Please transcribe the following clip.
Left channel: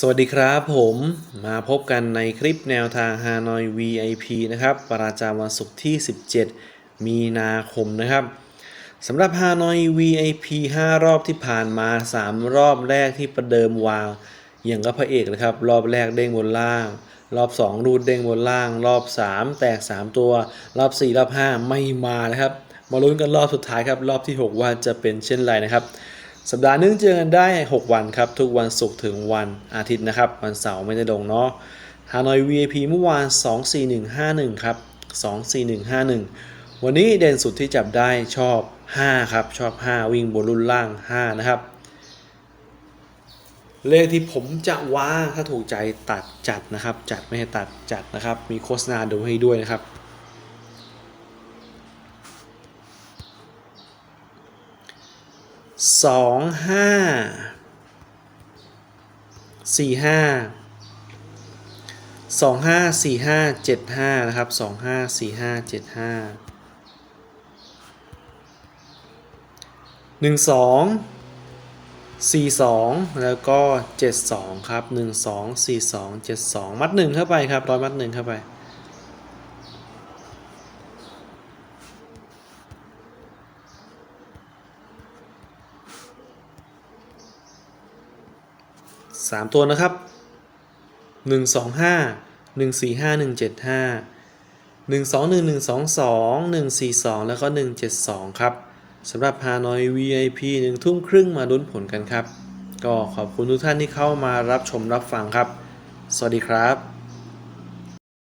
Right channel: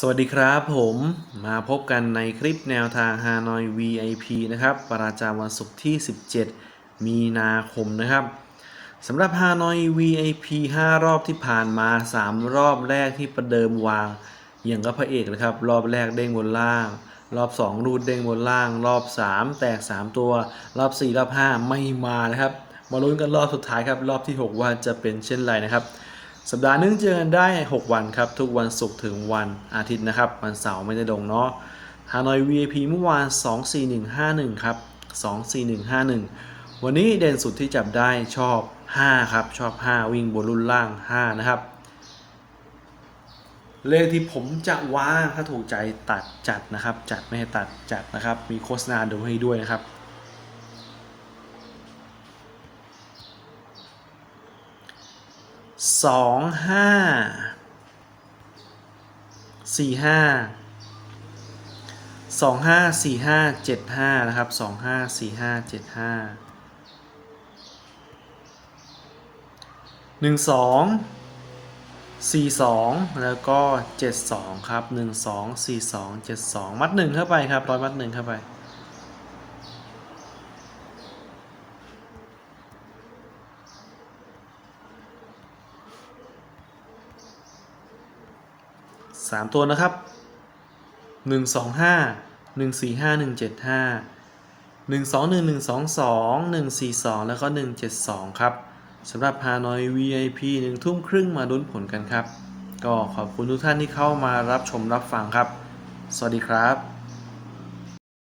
สวัสดีครับผมมาพบกันในคลิปแนวทาง Hanoi VIP นะครับประจำวันศุกร์ที่ 17 มีนาคมนะครับสำหรับ Hanoi VIP 5 รอบที่ผ่านมา 3 รอบแรกที่ประเดิมวางอย่างก็พระเอกเลยครับ รอบแรกเด้งบนล่าง รอบ 2 รูดเด้งบนล่าง รอบ 3 แตก 3 ตัว รอบ 4 รอบ 5 ไม่มานะครับ มาลุ้นกันรอบสุดท้ายครับ รอบที่ 6 ว่าจะเป็นเช่นไรนะครับ สัปดาห์หนึงเจอกันได้ 6 วันครับ ทุกวันศุกร์ถึงวันอาทิตย์นะครับ วันเสาร์ไม่ได้ลงเนาะฮานอย VIP เมื่อวาน 24151 ครับ 24151 วันนี้เด่นสุดที่จับได้ชอบ 5 ครับ ชอบ 5 วิ่งบนรุ่นล่าง 5 นะครับ เลขที่ผมจะวางถ้าถูกใจตัดจัดนะครับ จัดไม่ให้ตัดจัดนะครับ มีโฆษณาดูให้ด้วยนะครับ สองห้าสี่ห้าสองห้าสี่ห้าเจ็ดห้านะครับสองห้าสี่ห้าเจ็ดห้าหนึ่งสองสี่สองแล้วก็เจ็ดสองครับหนึ่งสองสี่สองเจ็ดสองมัดหนึ่งเข้าไปครับร้อยมัดหนึ่งเข้าไป สามตัวนะครับหนึ่งสองห้าหนึ่งสี่ห้าหนึ่งเจ็ดห้าหนึ่งสองหนึ่งหนึ่งสองสองหนึ่งสี่สองแล้วก็หนึ่งเจ็ดสองครับสำหรับฮานอย VIP หนึ่งทุ่มครึ่งมาลุ้นผลกันครับ ก็ขอบคุณทุกท่านที่เข้ามารับชมรับฟังครับ สวัสดีครับ